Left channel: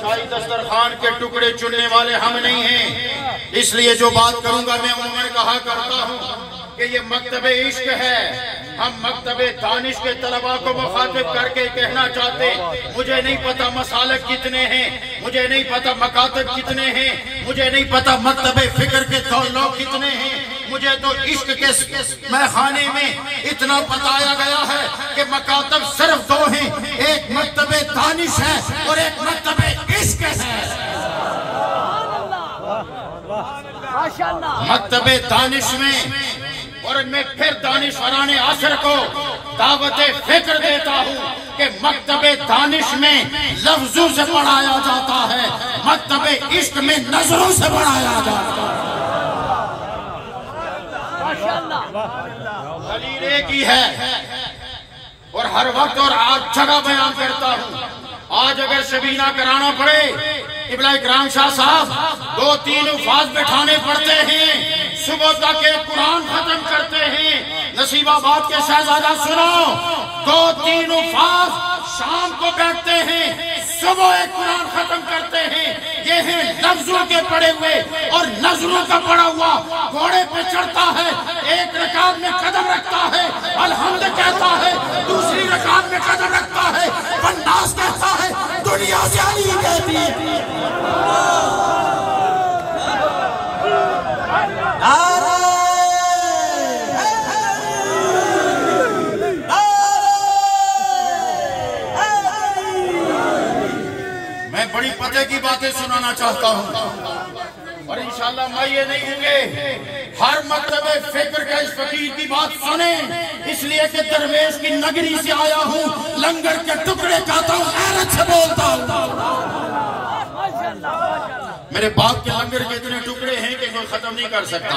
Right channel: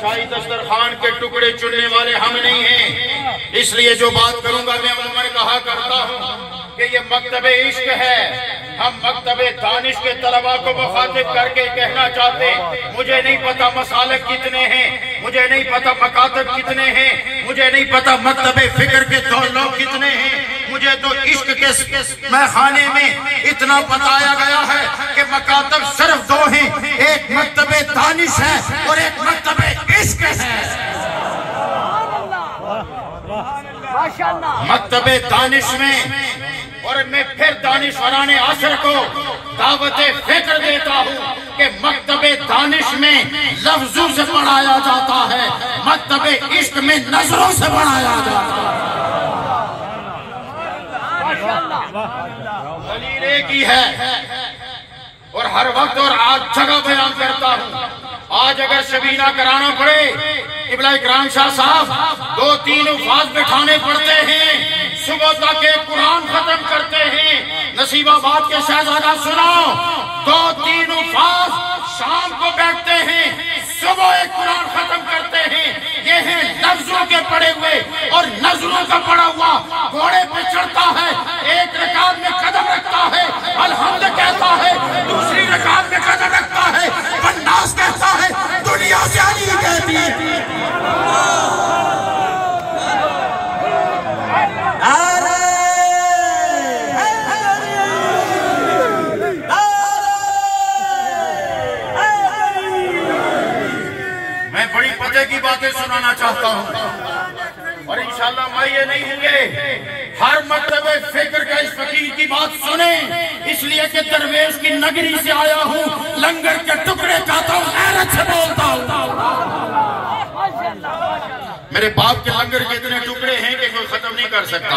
शाही दस्तरखान के टुकड़े चुनने वाले हम नहीं हैं, इसलिए जो बात करूंगा मैं उम्र कहा करता हूँ कि ये मकतबे इश्क है। हम मकतबे दानिश के तलबा को मुखातिब करके कहना चाहते, मुझे नहीं पता मसालक कितने हैं, मुझे नहीं पता मकातब कितने हैं, मुझे नहीं पता मकतबे फिक्र के लोग कितने हैं, मुझे तो इश्क के मैखाने में इतना बताया गया है कि मकातब सिर्फ दो हैं, एक मकतबे दानिश है और एक मकतबे इश्क है। मकतबे दानिश में और मैं फिर दानिशवराने असर को दावत फिक्र देता हूँ कि मकतबे दानिश में लफ्जों से पढ़ाया जाता है, मकतबे इश्क में नजरों से पढ़ाया जाता है। दलील की है और हर वक्त और आज जगह बयान करता हूँ। आज अगर शबीना कराना पड़े, इब्ला इकराम शाह साहब 2-3 उफाज बिठाने पड़ते हैं, सुबह तक एक कुरान खत्म करते हैं। नसीबाबाद के शहजादा सुनो, 2-3 उफाज शाम को बैठते हैं, सुबह एक कुरान खत्म करते हैं। ये है लफ्जों के पड़े हुए और नजरों का पड़ा हुआ। घोड़े पे चढ़ता है, एक रकात में कदम रखता है, अलहम्द कहता है, दूसरी रकात में कदम रखता है, बन्नास कहता है, दुनिया जानी कहती है। मैं बड़ी पते की बातें सुनाना चाहता हूँ और इंशाल्लाह मैं ये नहीं होंगे हर मकतबे फिक्र का इस फकीर की बात सुने, इसलिए कि दरवेश की नगरी से आया हूँ, लंगर के टुकड़े खाता हूँ, गैरत से बोलता हूँ। मेरे बाप के लंगर के इतने टुकड़े हैं कि कोई खत्म नहीं कर सकता,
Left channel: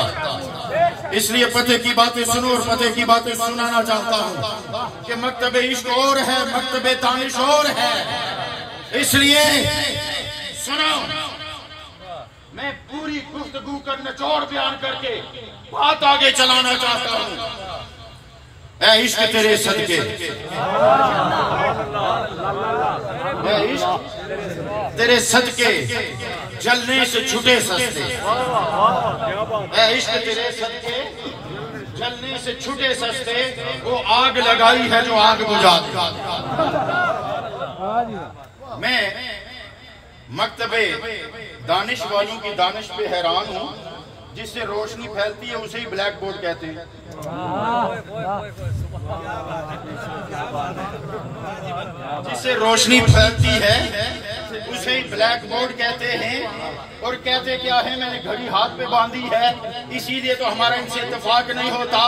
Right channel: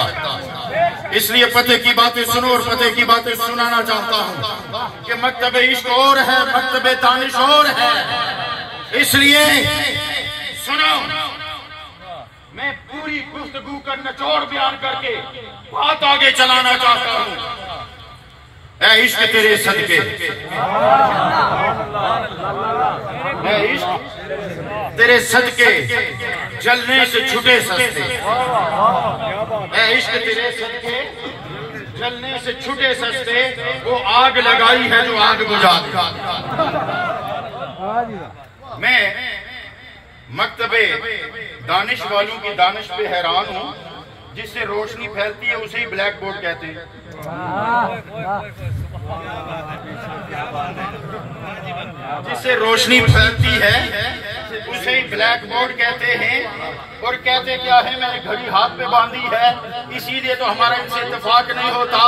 इसलिए पते की बातें सुनो और पते की बातें सुनाना चाहता हूँ कि मकतबे इश्क और है, मकतबे दानिश और है। इसलिए सुनो, मैं पूरी गुफ्तगू का निचोड़ बयान करके बात आगे चलाना चाहता हूँ। ऐ इश्क तेरे सदके, ऐ इश्क तेरे सदके जलने से छूटे सस्ते, ऐ इश्क तेरे सदके जलने से छूटे सस्ते, वो आग लगाई है जो आग बुझा दे। मैं मकतबे दानिश वालों की दानिश पे हैरान हूँ। जिससे रोशनी फैलती है उसे ही ब्लैक बोर्ड कहते हैं। जिससे रोशनी फैलती है उसे ही ब्लैक बोर्ड कहते हैं। और कहते क्या है, मैंने घड़ी हाथ में बांधी है, इसीलिए तो हमारा इनसे इत्तेफाक नहीं होता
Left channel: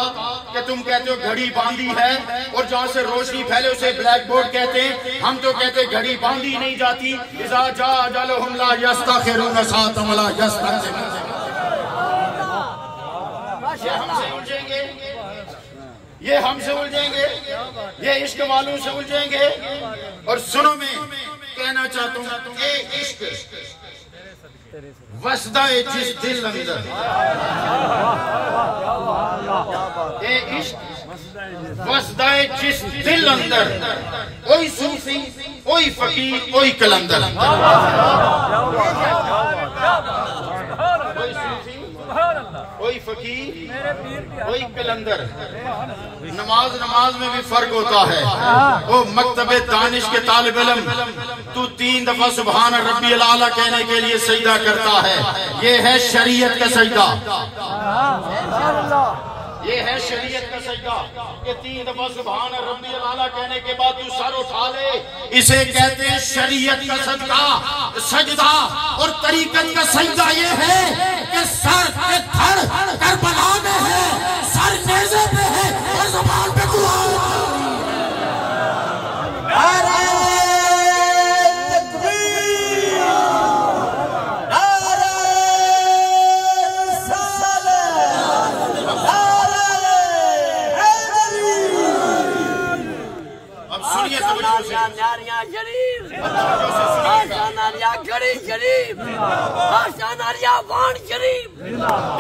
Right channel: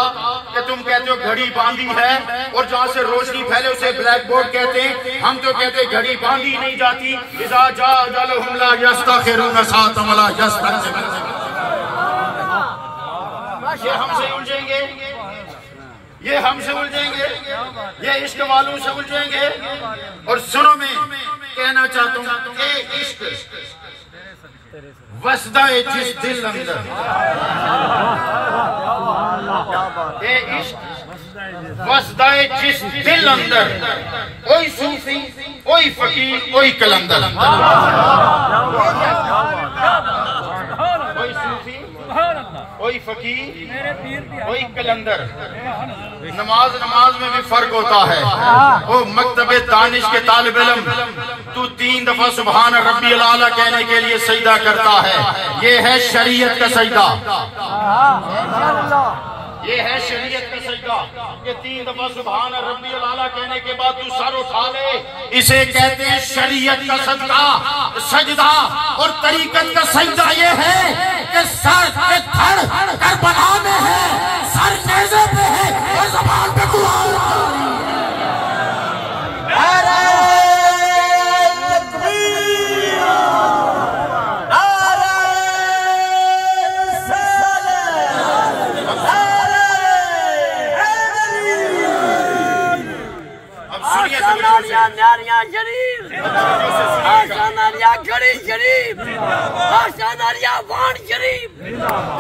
कि तुम कहते हो घड़ी बांधी है और जहाँ से रोशनी फैले उसे ब्लैक बोर्ड कहते हैं। हम तो कहते घड़ी बांधी नहीं जाती। इज़ा जा अजलहुम ला यस्तखिरून साअतम वला यस्तक़दिमून। ये हमसे उलझेंगे, ये हमसे उलझेंगे, ये इश्क वालों से उलझेंगे। और सुनो, मैं कहना चाहता हूँ, ये इश्क वसदाए जिस दिल अंदर, ये इश्क वसदाए जिस दिल अंदर, कोई सूफी कोई फकीर कोई कलंदर, कोई सूफी कोई फकीर कोई कलंदर। नमाज में भी फर्क होता है। वो मकतबे दानिश के तालिब इल्म, तू 3 दफा सुभान रब्बियल आला कहने के लिए सजदा करता है। ये है शरीयत का सजदा, ये है शरीयत का सजदा। ये 3 दफा सुभान रब्बियल आला कहने के बाद तू सर उठा ले, इसे कहते हैं शरीयत का सजदा। और तरीकत का सजदा ये है कि सर के धड़ करबला में है, सर नेज़े पे है और ज़बान पे कुरान।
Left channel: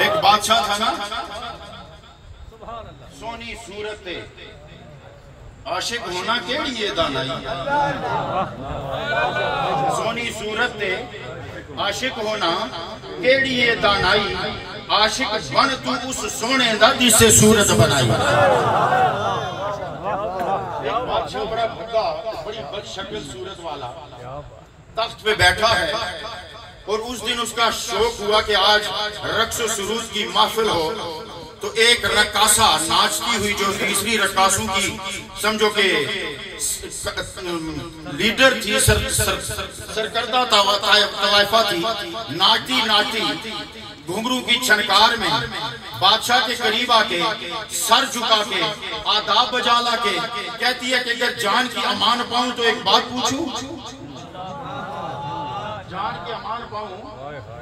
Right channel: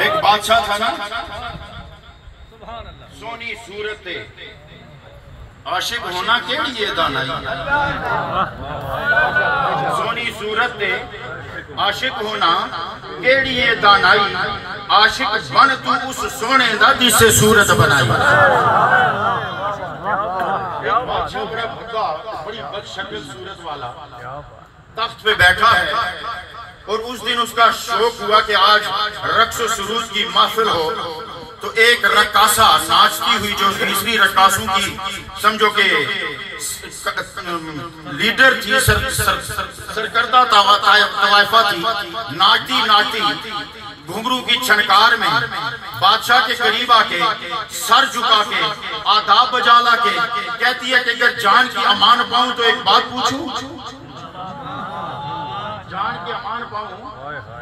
एक बादशाह था ना, सोनी सूरत आशिक होना के लिए दानाई सोनी सूरत दे आशिक होना के लिए दानाई आशिक बन तू उस सोने दा जिससे सूरत बनाई। बादशाह बड़ा भद्दा बड़ी बदशक्ल सूरत वाला तख्त पे बैठा है और उस दिन उसका शौक हुआ कि आज रक्स सुरूज की महफिल हो तो एक रक्कासा नाचती हुई जो तीसरी रक्कासों की समझो के लीडर थी सरकर्दा तवाइफा थी नाचती नाचती घुंघरू की छनकार में बादशाह के करीब आके सर झुका के आदाब बजाला के कहती है कि अगर जान की अमान पाऊं तो एक बात पूछूं, जान की अमान पाऊं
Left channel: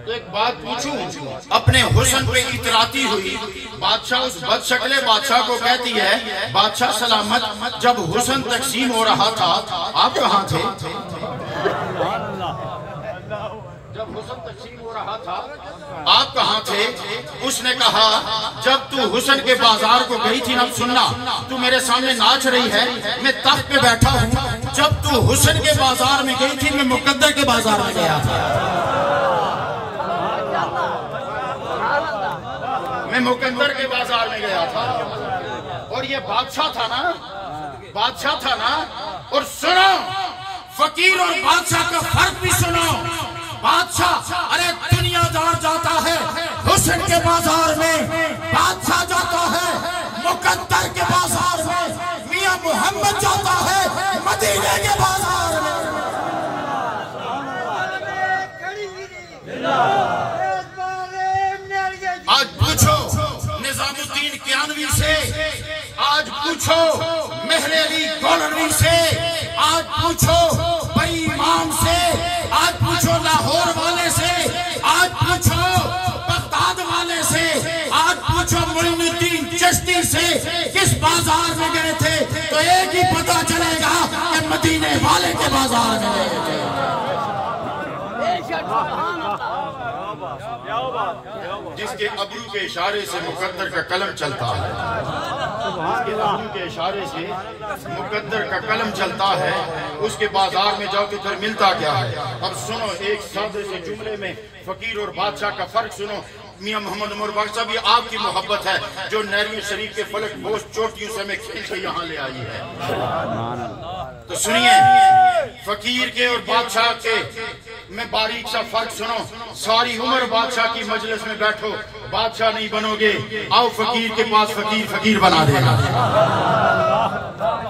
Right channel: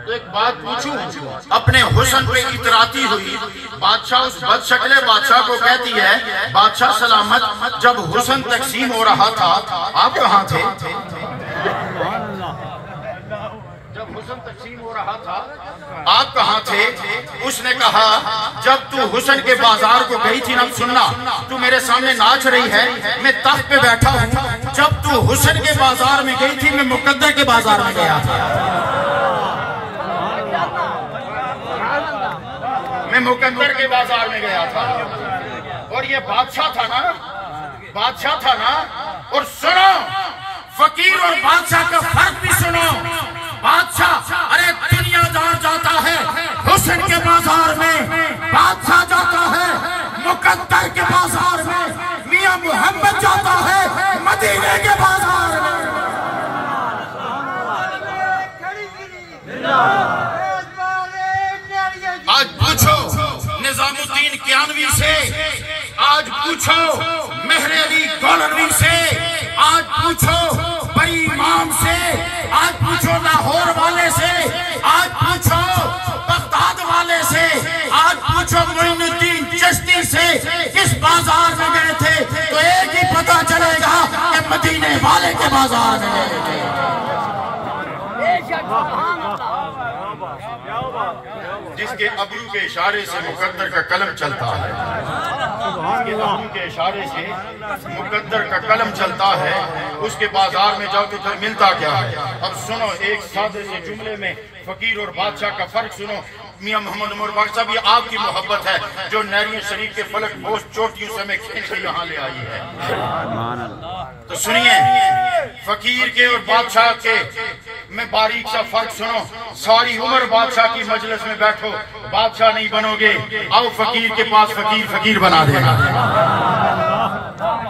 तो एक बात पूछूं। अपने हुस्न पे इतराती हुई बादशाह उस बदशक्ले बादशाह को कहती है बादशाह सलामत, जब हुस्न तकसीम हो रहा था आप कहाँ थे? जब हुस्न तकसीम हो रहा था आप कहाँ थे? उसने कहा जब तू हुस्न के बाजार को गई थी ना, सुनना तू मेरे सामने नाच रही है, मैं तख्त पे बैठा हूँ। जब तू हुस्न के बाजार में गई थी मैं मुकद्दर के बाजार में गया था, मैं मुकद्दर के बाजार में गया था। और ये बादशाह था ना, बादशाह था ना। और सुनो फकीर और बादशाह का फर्क भी सुनो। बादशाह अरे दुनियादार जाता है हुस्न के बाजार में, बादशाह जाता है मुकद्दर के बाजार में, मियां मोहम्मद जाता है मदीने के बाजार में। आज पूछो निजामुद्दीन कियानवी से, आज पूछो मेहर अली गौलवी से, आज पूछो बड़ी इमाम से, आज पूछो लाहौर वाले से, आज पूछो बगदाद वाले से, आज पूछो मोइनुद्दीन चिश्ती से किस बाजार में गए थे तो एक ही पता चलेगा कि मदीने वाले के बाजार में गए थे। जिसके अबरू के इशारे से मुकद्दर का कलम चलता है, जिसके अबरू के इशारे से मुकद्दर का कलम चलता है, उसके बाजार में जाओ तो फिर मिलता क्या है। अब सुनो एक सादे से जुमले में फकीर और बादशाह का फर्क सुनो। मियां मोहम्मद उमर बख्श साहब, ये आपकी मोहब्बत है जो नैरिया शरीफ के फलक बोझ चोटियों से मैं खेल के यहाँ ले आई है। तो सुनिए फकीर के और बादशाह के में बारीक सा फर्क सुनो। सारी उम्र बादशाह की मजलिस में बैठो, बादशाह नहीं बनोगे। आओ फकीर के पास, फकीर फकीर बना देगा।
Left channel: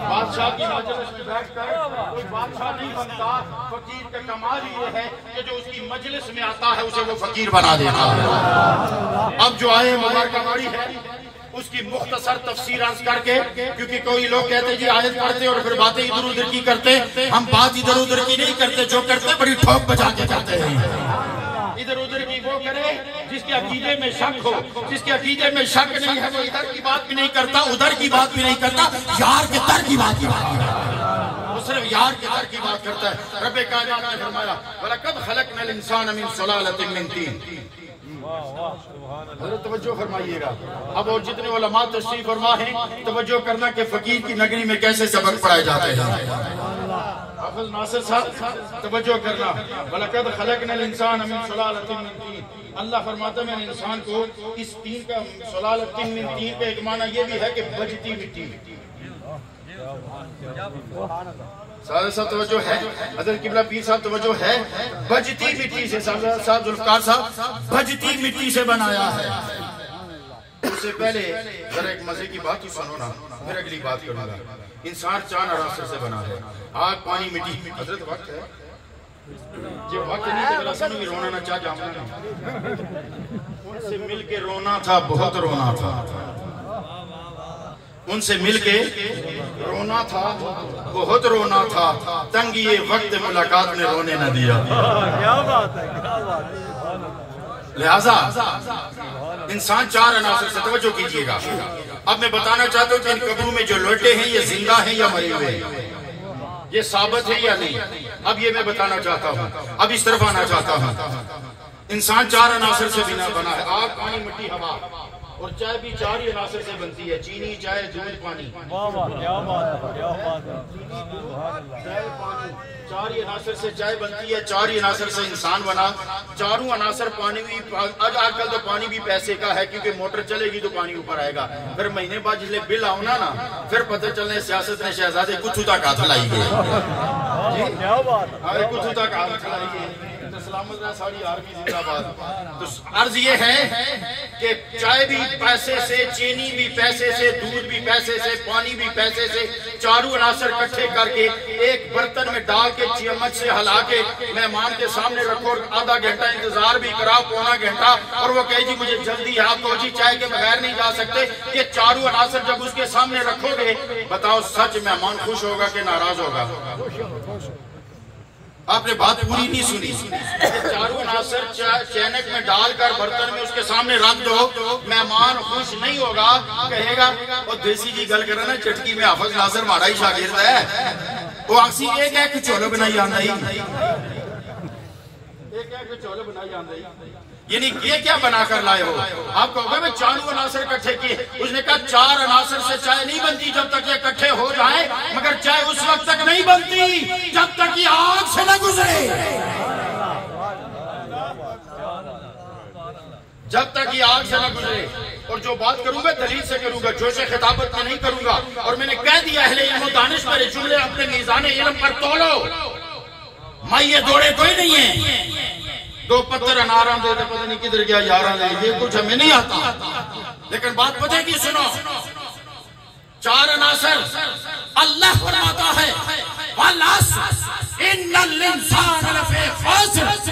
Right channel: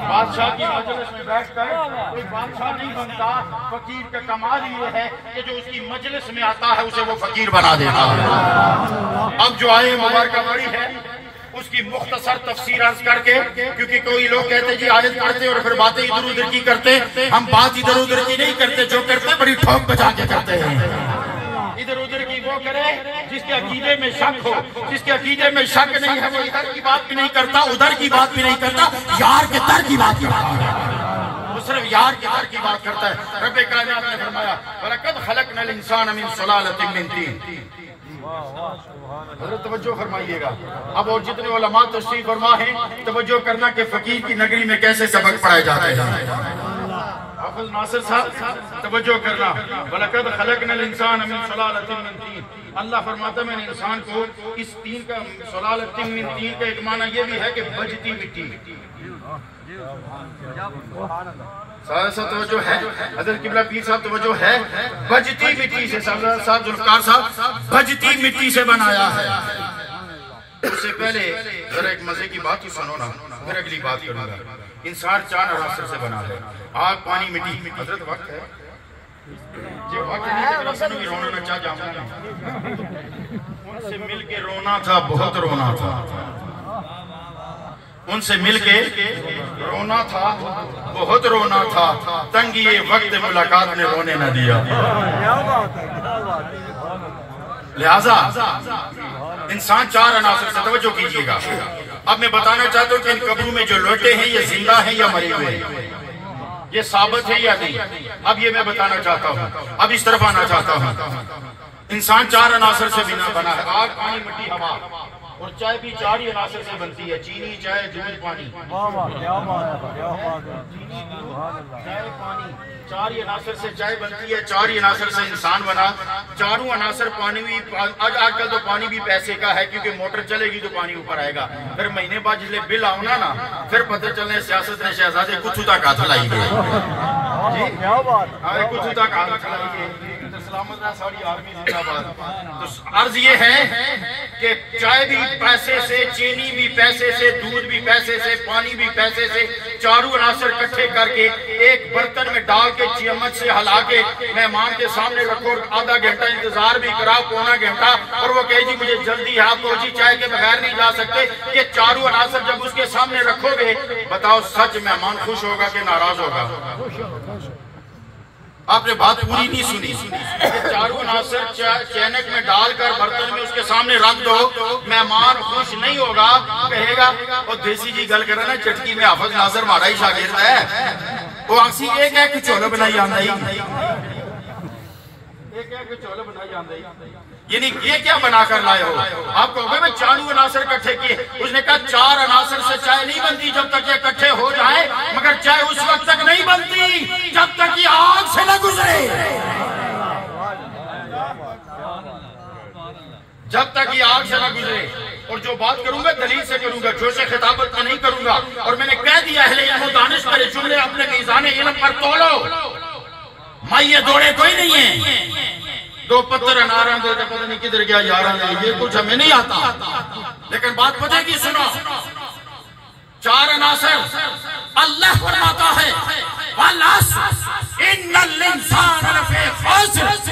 बादशाह की मजलिस में बैठकर कोई बादशाह नहीं बनता। फकीर का कमाल ये है कि जो उसकी मजलिस में आता है उसे वो फकीर बना देता है। अब जो आए मुबारकबाड़ी है उसकी मुख्तसर तफसीर अर्ज करके, क्योंकि कोई लोग कहते जी आयत पढ़ते और फिर बातें इधर उधर की करते, हम बात इधर उधर की नहीं करते, जो करते बड़ी ठोक बजा के करते हैं। इधर उधर की वो करे जिसके अकीदे में शक हो, जिसके अकीदे में शक नहीं है वो इधर की बात भी नहीं करता, उधर की बात भी नहीं करता, यार के दर की बात करता है। वो सिर्फ यार के दर की बात करता है। रब्बे कायनात ने फरमाया वलक़द खलक़नल इंसान मिन सुलालतिन मिन तीन। तवज्जो फरमाइएगा। अब और जितने उलमा तशरीफ फरमा हैं तवज्जो करना कि फकीर की नगरी में कैसे सबक पढ़ाए जाते हैं। हाफिज नासिर साहब तवज्जो करना, वलक़द खलक़नल इंसान मिन सुलालतिन मिन तीन। अल्लाह फरमाता मैंने इंसान को इस तीन का, सुलालतिन मिन तीन का एक माना ये भी है कि बजती मिट्टी। तवज्जो है हज़रत किबला पीर साहब, तवज्जो है बजती मिट्टी से साहब जुल्फ़िकार साहब बजती मिट्टी से बनाया है। उससे पहले जरा एक मजे की बात ही सुनो ना, फिर अगली बात करूंगा। इंसान 4 अनासर से बना है, आग पानी मिट्टी। हज़रत वक्त है जो वक्त नहीं रोना ना चाह जाऊंगा, उनसे मिल के रोना था, बहुत रोना था, उनसे मिलके रोना था, बहुत रोना था। तंग ये वक्त मुलाकात ने रोने न दिया। लिहाजा इंसान 4 अनासर से, तवज्जो कीजिएगा। अब मैं बताना चाहता हूँ कि इन कब्रों में जो लौटे हैं ये जिंदा हैं या मरे हुए हैं, ये साबित है या नहीं। अब ये मैं बताना चाहता हूँ। अब इस तरफ आना चाहता हूँ। इंसान 4 अनासर से बिना बना है, आग पानी मिट्टी हवा। और चाय भी 4 ही अनासर से बनती है, चीनी, चाय, दूध, पानी। चाय, पानी, 4 ही अनासर से चाय बनती है, 4 ही अनासर से इंसान बना। चारों अनासर पानी भी, आजकल तो पानी भी पैसे का है, क्योंकि मोटर चलेगी तो पानी ऊपर आएगा। फिर महीने बाद जिसले बिल आना ना, फिर पता चलने सियासत ने शहजादे कुछ तक हाथ लाई है, कुछ तक हाथ लाई है। सारी आर्मी जिंदाबाद। तो अर्ज ये है कि चाय भी पैसे से, चीनी भी पैसे से, दूध भी पैसे से, पानी भी पैसे से, चारों अनासर इकट्ठे करके एक बर्तन में डाल के चम्मच से हिला के मेहमान के सामने रखो, आधा घंटा इंतजार भी कराओ, पौना घंटा, और वो कहे जी मुझे जल्दी है, आपको जी चाय के बगैर नहीं जा सकते। ये चारों अनासर जब उसके सामने रखोगे, बताओ सच मेहमान खुश होगा कि नाराज होगा? आपने बात पूरी नहीं सुनी। चारों अनासर चैनक में डालकर बर्तन में उसके सामने रख दो, मेहमान खुश नहीं होगा, कहेगा और देसी जी गल करे ना, चटकी में हाफिज नासिर माड़ा ही शागिर्द है, वो आसी एक है कि चोलो बनाई आंदा ही, एक है कि चोलो बनाई आंदा ही। यानी ये क्या बना कर लाए हो? आप कहोगे मैं 4 अनासर इकट्ठे किए। उसने कहा 4 अनासर से चाय नहीं बनती जब तक ये इकट्ठे हो जाए, मगर चाय उस वक्त तक नहीं बनती जब तक ये आग से न गुजरे, जब तक ये आग से न गुजरे। और जो बात करूंगा दलील से करूंगा, जोशे खिताबत में नहीं करूंगा। और मैंने कह दिया अहले इल्म दानिश मेरे जुमले अपने मीज़ान इल्म पर तोलो, मैं ये दौड़े कोई नहीं है। 2 पत्थर अनारा दे दे, पता नहीं किधर गया यारा ले, ये कुछ हमें नहीं आता। लेकिन बात पता की सुनो, 4 अनासर अल्लाह फरमाता है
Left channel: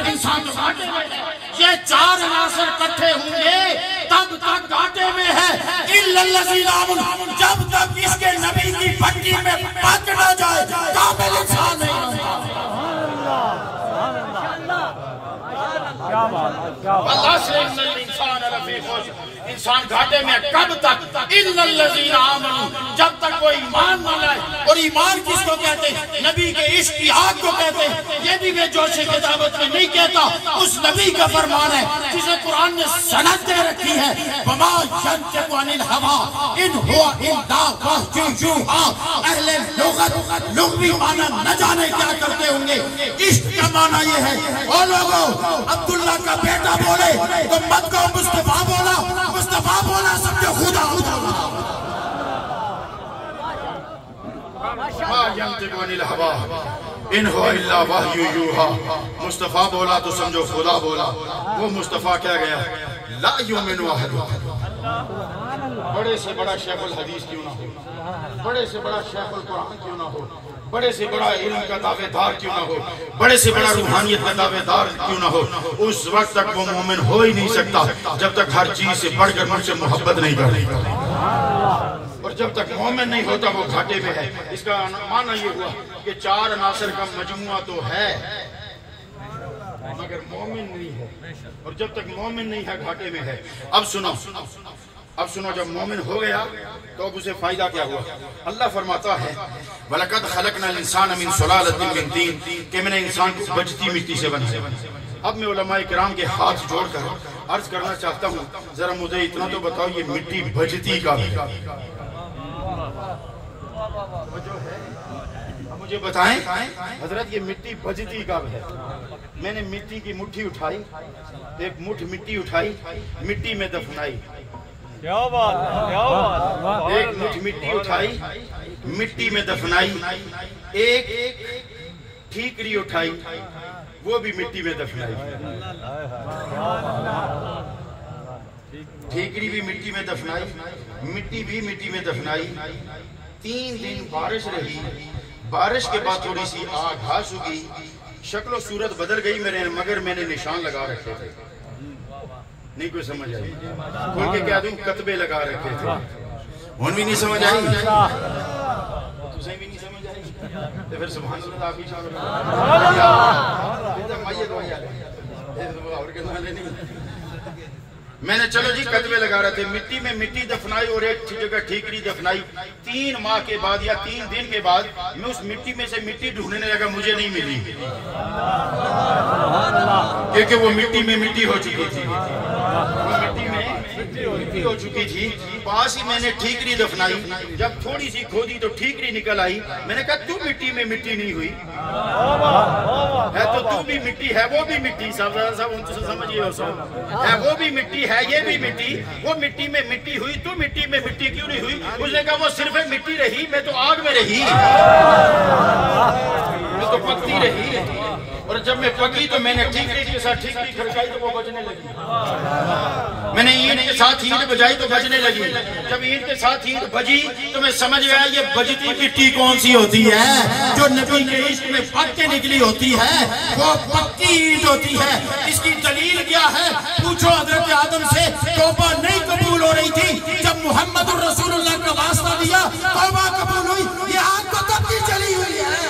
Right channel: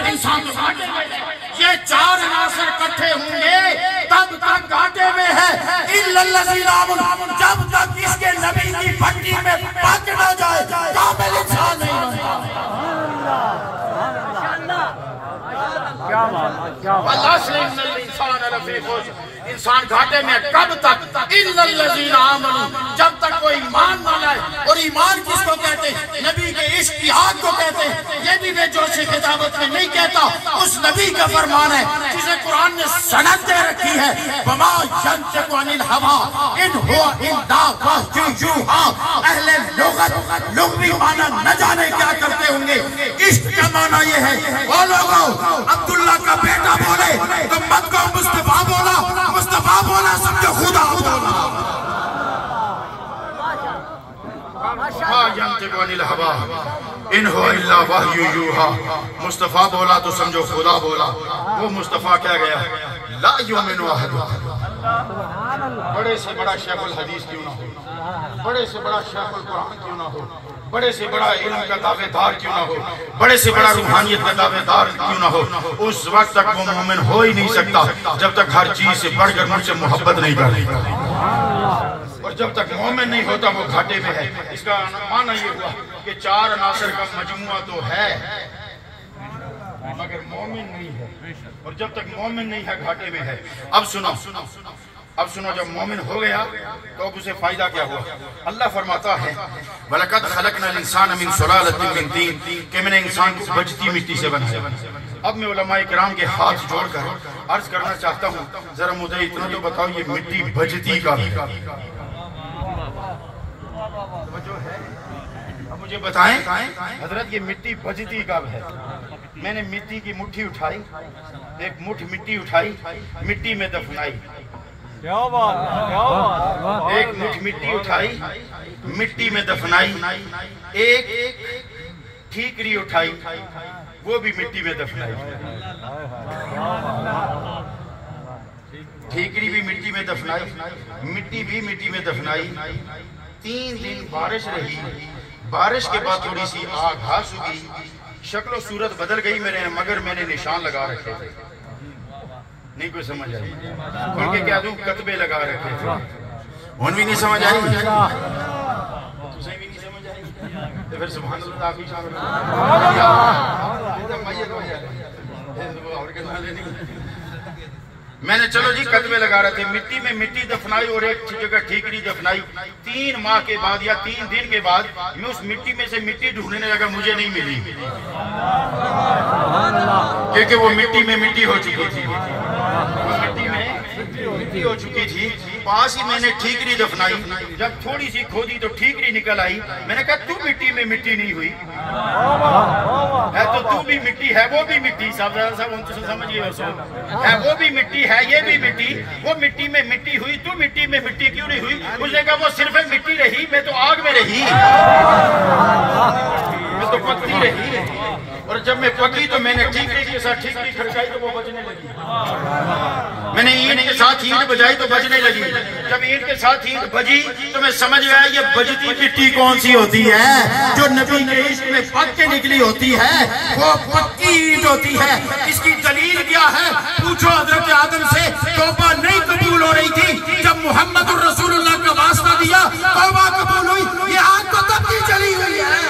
इंसान तो घाटे में है। ये 4 अनासर इकट्ठे होंगे तब तक घाटे में है, जब तक इसके नबी की भट्टी में पक न जाए कामिल इंसान नहीं बनता। क्या बात, क्या इंसान घाटे में कब तक? इल्लल्लज़ीना आमनू, जब तक वो ईमान न लाए। और ईमान किसको कहते हैं? नबी के इश्क की आग को कहते हैं। ये भी मैं जोशे खिताबत में नहीं कहता, उस नबी का फरमान है जिसे कुरान ने सनद दे रखी है, वमा यंतिकु अनिल हवा इन हुवा इल्ला वह्युहा। अहले लुगत लुग़वी माना न जाने क्या करते होंगे, इश्क का माना ये है, ओ लोगों अब्दुल्ला का बेटा बोले तो मत को मुस्तफा बोला, मुस्तफा बोला समझो खुदा खुदा। इन हुवा इल्ला वह्यु यूहा, मुस्तफा बोला तो समझो खुदा बोला। वो मुस्तफा क्या गया? ला युमिनु अहदुकुम। बड़े से बड़ा शेखुल हदीस क्यों ना हो, बड़े से बड़ा शेखुल कुरान क्यों ना हो, बड़े से बड़ा इल्म का दावेदार क्यों ना हो, बड़े से बड़ा रूहानियत का दावेदार क्यों ना हो, उस वक्त तक वो मोमिन हो ही नहीं सकता जब तक हर चीज से बढ़कर मुझसे मोहब्बत नहीं करेगा। और जब तक मोमिन नहीं होता वो घाटे में है। इसका माना ये हुआ कि 4 अनासर का मजमुआ तो है मगर मोमिन नहीं है, और जब तक मोमिन नहीं है घाटे में है। अब सुनो, अब सुनो, जब मोमिन हो गया तो अब उसे फायदा क्या हुआ? अल्लाह फरमाता है वलक़द खलक़नल इंसान मिन सुलालतिन मिन तीन, कि मैंने इंसान को बजती मिट्टी से बनाया। अब मैं उलमाए किराम के हाथ जोड़कर अर्ज करना चाहता हूँ, जरा मुझे इतना तो बताओ ये मिट्टी बजती का जो है, अब मुझे बताएं हजरत ये मिट्टी बजती कब है? मैंने मिट्टी की मुट्ठी उठाई, एक मुट्ठी मिट्टी उठाई, मिट्टी में दफनाई। क्या बात, क्या बात। एक मुट्ठी मिट्टी उठाई, मिट्टी में दफनाई। एक ठीकरी उठाई, वो भी मिट्टी में दफनाई। ठीकरी भी मिट्टी में दफनाई, मिट्टी भी मिट्टी में दफनाई। 3 दिन बारिश रही, बारिश के बाद थोड़ी सी आग घास उगी, शक्ल सूरत बदल गई मेरे, मगर मैंने निशान लगा रखे थे। नहीं कोई समझ आई? खोल के क्या दूं? कतबे लगा रखे थे। उन भी नहीं समझ आई, तुझे भी नहीं समझ आई, तो फिर सुभान अल्लाह आप ही शामिल हो। मैंने चलो जी कतबे लगा रहे थे, मिट्टी में मिट्टी दफनाई और एक जगह ठीकरी दफनाई। 3 माह के बाद या 3 दिन के बाद मैं उस मिट्टी में से मिट्टी ढूंढने लगा, मुझे नहीं मिली क्योंकि वो मिट्टी में मिट्टी हो चुकी थी। वो मिट्टी में मिट्टी हो चुकी थी। पास ही मैंने ठीकरी दफनाई। जब थोड़ी सी खोदी तो ठीकरी निकल आई। मैंने कहा तू मिट्टी में मिट्टी नहीं हुई है तो तू भी मिट्टी है, वो भी मिट्टी। सब समझिए, है वो भी मिट्टी है, ये भी मिट्टी। वो मिट्टी में मिट्टी हुई, तू मिट्टी में मिट्टी क्यों नहीं हुई? उसने कहा वो सिर्फ मिट्टी रही, मैं तो आग में रही, मैं तो पकती रही। और जब मैं पकी तो मैंने ठीकरी के साथ ठीकरी खड़काई तो वो बजने लगी। मैंने ईंट के साथ ईंट बजाई तो बजने लगी। जब ईंट के साथ ईंट बजी तो मैं समझ गया ये बजती मिट्टी कौन सी होती है, जो नबी के इश्क में पक के निकली होती है, वो पक्की ईंट होती है। इसकी दलील क्या है? पूछो हजरत आदम से। तौबा नहीं कबूल हो रही थी, जब मोहम्मद रसूलुल्लाह का वास्ता दिया तौबा कबूल हुई। ये आग तो तब की जली हुई है,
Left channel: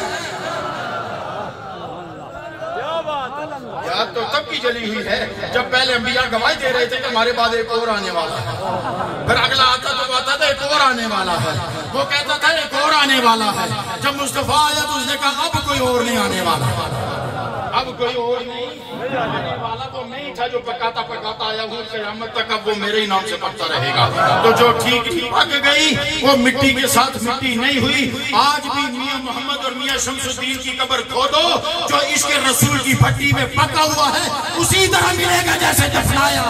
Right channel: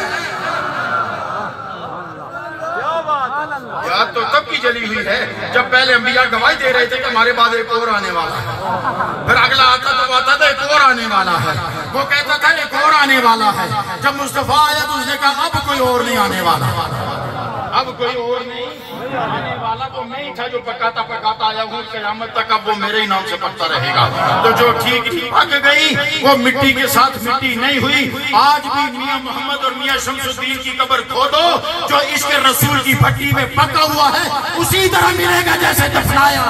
याद तो तब की जली हुई है जब पहले अंबिया गवाही दे रहे थे कि हमारे बाद एक और आने वाला है। फिर अगला आता तो आता था एक और आने वाला है, वो कहता था एक और आने वाला है। जब मुस्तफा आया तो उसने कहा अब कोई और नहीं आने वाला, अब कोई और नहीं आने वाला। वो मैं ही था जो पकाता पकाता आया हूँ क़यामत तक, अब वो मेरे ही नाम से पकता रहेगा। तो जो ठीक पक गई वो मिट्टी के साथ मिट्टी नहीं हुई। आज भी मियां मोहम्मद और मियां शमसुद्दीन की कब्र खोदो, जो इसके रसूल की भट्टी में पका हुआ है उसी तरह मिलेगा जैसे दफनाया।